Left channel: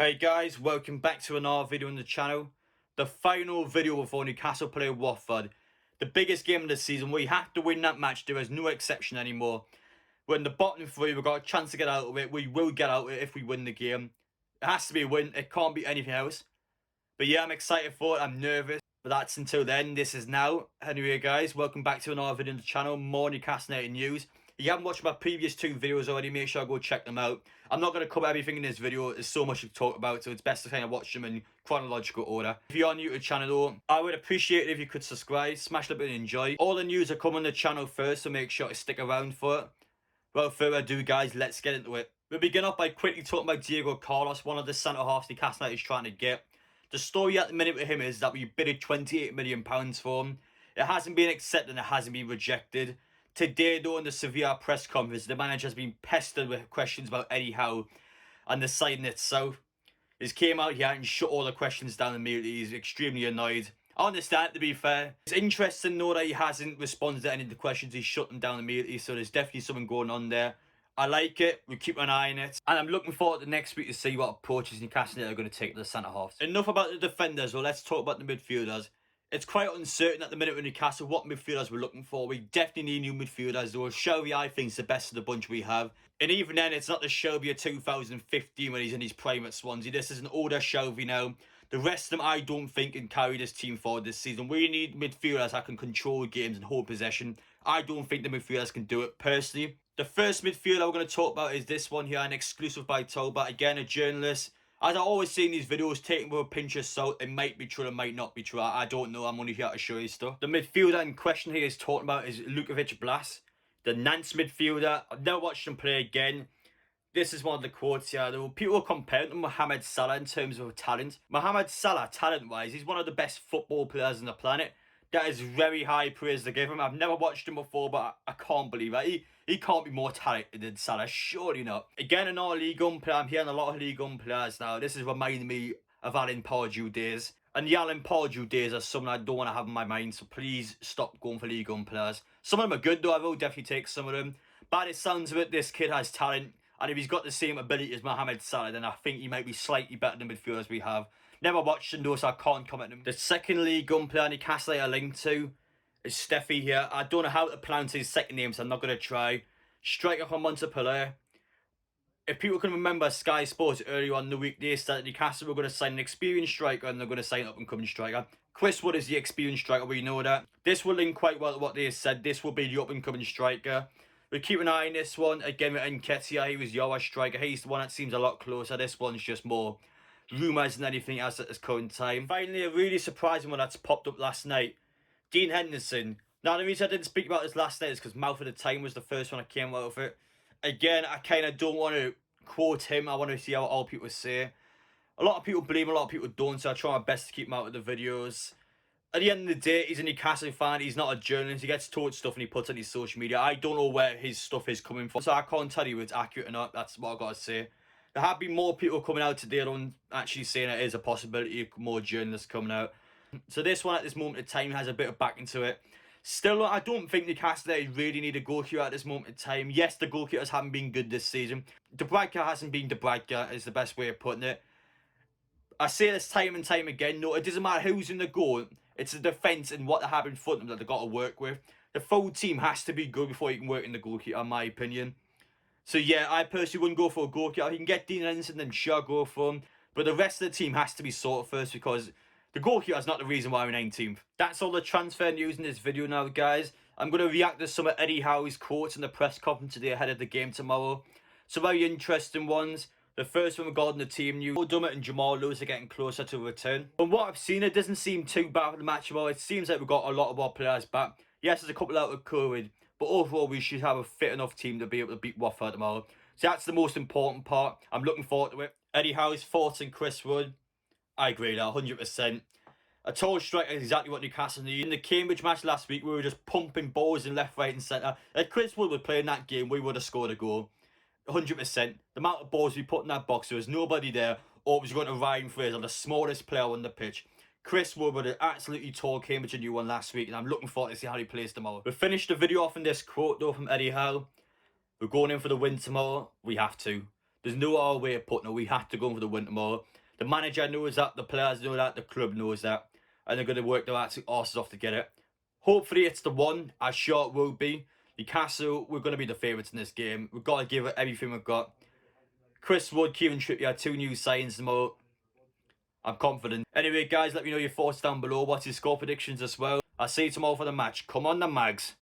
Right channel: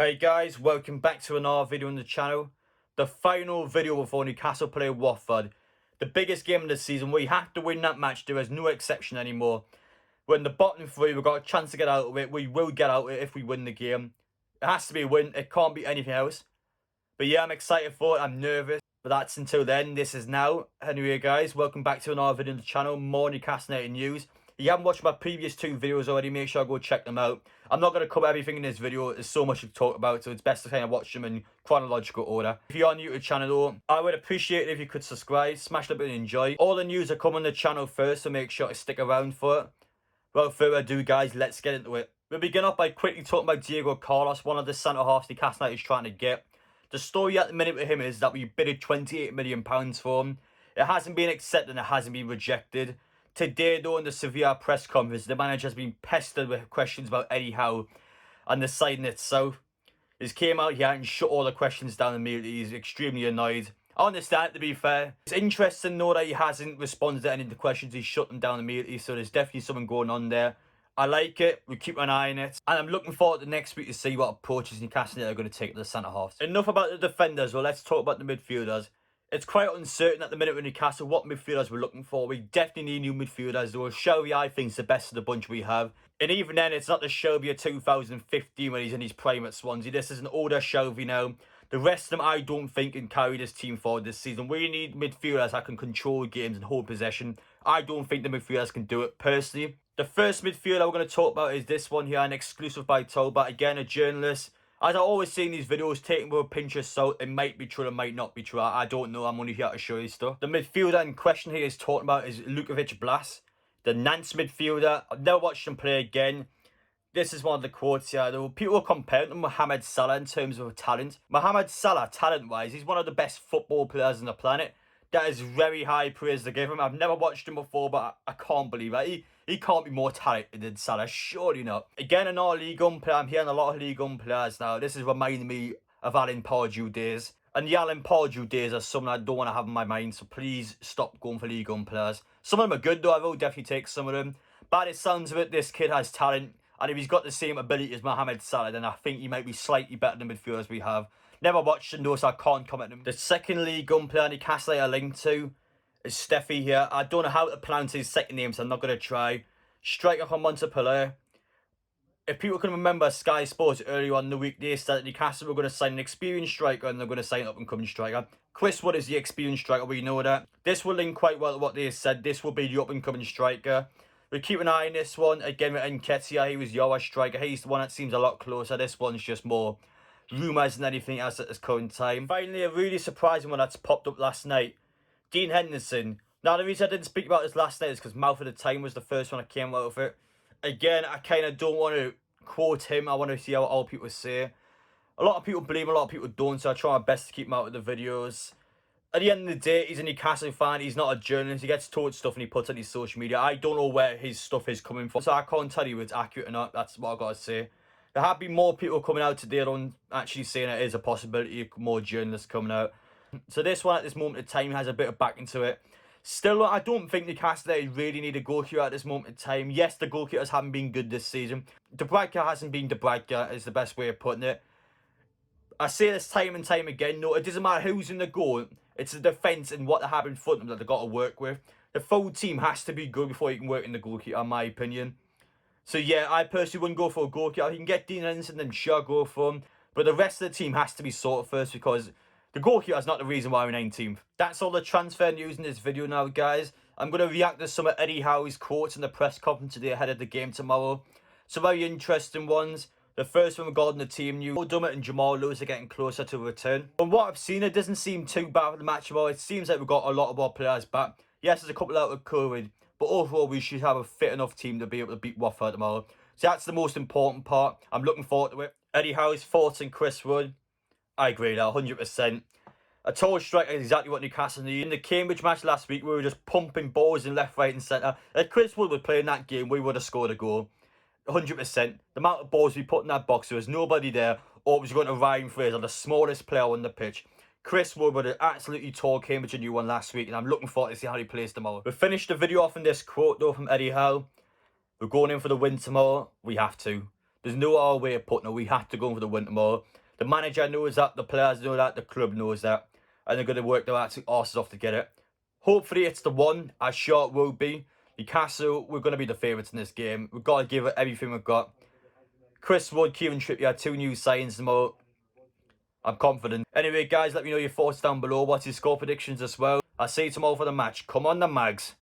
Hey guys, welcome back to another video on the channel. The final video before Newcastle play Watford. The biggest game of the season. We have to win that match. There is no exception anymore. We're in the bottom three. We've got a chance to get out of it. We will get out of it if we win the game. It has to be a win. It can't be anything else. But yeah, I'm excited for it. I'm nervous. But that's until then. This is now. Anyway guys, welcome back to another video on the channel. More Newcastle United news. If you haven't watched my previous two videos already, make sure I go check them out. I'm not going to cover everything in this video. There's so much to talk about, so it's best to kind of watch them in chronological order. If you're new to the channel though, I would appreciate it if you could subscribe, smash the button and enjoy. All the news are coming on the channel first, so make sure to stick around for it. Without further ado guys, let's get into it. We'll begin off by quickly talking about Diego Carlos, one of the centre-halves Newcastle United is trying to get. The story at the minute with him is that we bidded £28 million for him. It hasn't been accepted and it hasn't been rejected. Today, though, in the Sevilla press conference, the manager has been pestered with questions about Eddie Howe and the signing itself. He's came out here and shut all the questions down immediately. He's extremely annoyed. I understand, to be fair. It's interesting, though, that he hasn't responded to any of the questions. He's shut them down immediately, so there's definitely something going on there. I like it. We keep an eye on it. And I'm looking forward to next week to see what approaches Newcastle are going to take to the centre-halves. Enough about the defenders. Well, let's talk about the midfielders. It's quite uncertain at the minute with Newcastle what midfielders we're looking for. We definitely need new midfielders, though. Shelby, I think, is the best of the bunch we have. And even then, it's not the Shelby of 2015 when he's in his prime at Swansea. This is an older Shelby now. The rest of them, I don't think, can carry this team forward this season. We need midfielders that can control games and hold possession. I don't think the midfielders can do it, personally. The first midfielder we're going to talk about is this one here, an exclusive by Tolbert. Again, a journalist. As I always say in these videos, taking with a pinch of salt, it might be true, it might not be true. I don't know, I'm only here to show you stuff. The midfielder in question here is talking about is Ludovic Blas, the Nantes midfielder. I've never watched him play again. This is one of the quotes here, though. People are comparing him to Mohamed Salah in terms of talent. Mohamed Salah, talent-wise, he's one of the best football players on the planet. That is very high praise to give him. I've never watched him before, but I can't believe it. He can't be more talented than Salah, surely not. Again, another League One player. I'm hearing a lot of League One players now. This is reminding me of Alan Pardew days. And the Alan Pardew days are something I don't want to have in my mind, so please stop going for League One players. Some of them are good, though. I will definitely take some of them. But it sounds of it, this kid has talent. And if he's got the same ability as Mohamed Salah, then I think he might be slightly better than midfielders we have. Never watched him though, so I can't comment on him. The second League One player Newcastle are linked to is Steffi here. I don't know how to pronounce his second name, so I'm not going to try. Striker from Montpellier. If people can remember, Sky Sports earlier on in the week, they said that Newcastle were going to sign an experienced striker and they're going to sign an up-and-coming striker. Chris Wood is the experienced striker, we know that. This will link quite well to what they said. This will be the up-and-coming striker. We keep an eye on this one. Again, with Nketiah, he was your striker. He's the one that seems a lot closer. This one's just more rumours than anything else at this current time. Finally, a really surprising one that's popped up last night. Dean Henderson. Now, the reason I didn't speak about this last night is because Mouth of the Time was the first one I came out of it. Again, I kind of don't want to quote him. I want to see how all people say. A lot of people believe him, a lot of people don't, so I try my best to keep him out of the videos. At the end of the day, he's a Newcastle fan. He's not a journalist. He gets told stuff and he puts on his social media. I don't know where his stuff is coming from, so I can't tell you if it's accurate or not. That's what I've got to say. There have been more people coming out today on actually saying it is a possibility of more journalists coming out. So this one at this moment in time has a bit of backing to it. Still, I don't think Newcastle really need a goalkeeper at this moment in time. Yes, the goalkeepers haven't been good this season. Dubravka hasn't been Dubravka, is the best way of putting it. I say this time and time again, no, it doesn't matter who's in the goal. It's the defence and what they have in front of them that they've got to work with. The full team has to be good before you can work in the goalkeeper, in my opinion. So yeah, I personally wouldn't go for a goalkeeper. If you can get Dean Henderson, then sure, go for him. But the rest of the team has to be sorted first because the goalkeeper is not the reason why we're 19th. That's all the transfer news in this video now, guys. I'm going to react to some of Eddie Howe's quotes in the press conference today ahead of the game tomorrow. Some very interesting ones. The first one regarding the team news. Dummett and Jamal Lewis are getting closer to a return. From what I've seen, it doesn't seem too bad for the match tomorrow. It seems like we've got a lot of our players back. Yes, there's a couple out with COVID, but overall we should have a fit enough team to be able to beat Watford tomorrow. So that's the most important part. I'm looking forward to it. Eddie Howe's thoughts and Chris Wood. I agree that 100%. A tall striker is exactly what Newcastle need. In the Cambridge match last week, we were just pumping balls in left, right and centre. If Chris Wood was playing that game, we would have scored a goal. 100%. The amount of balls we put in that box, there was nobody there. Or it was going to Ryan Fraser, the smallest player on the pitch. Chris Wood would have absolutely tore Cambridge a new one last week, and I'm looking forward to see how he plays tomorrow. We finished the video off in this quote, though, from Eddie Howe. We're going in for the win tomorrow. We have to. There's no other way of putting it. We have to go for the win tomorrow. The manager knows that, the players know that, the club knows that, and they're going to work their absolute arses off to get it. Hopefully it's the one, as sure it will be. Newcastle, we're going to be the favourites in this game. We've got to give it everything we've got. Chris Wood, Kieran Trippier, 2 new signs tomorrow. I'm confident. Anyway, guys, let me know your thoughts down below. What's your score predictions as well? I'll see you tomorrow for the match. Come on, the Mags.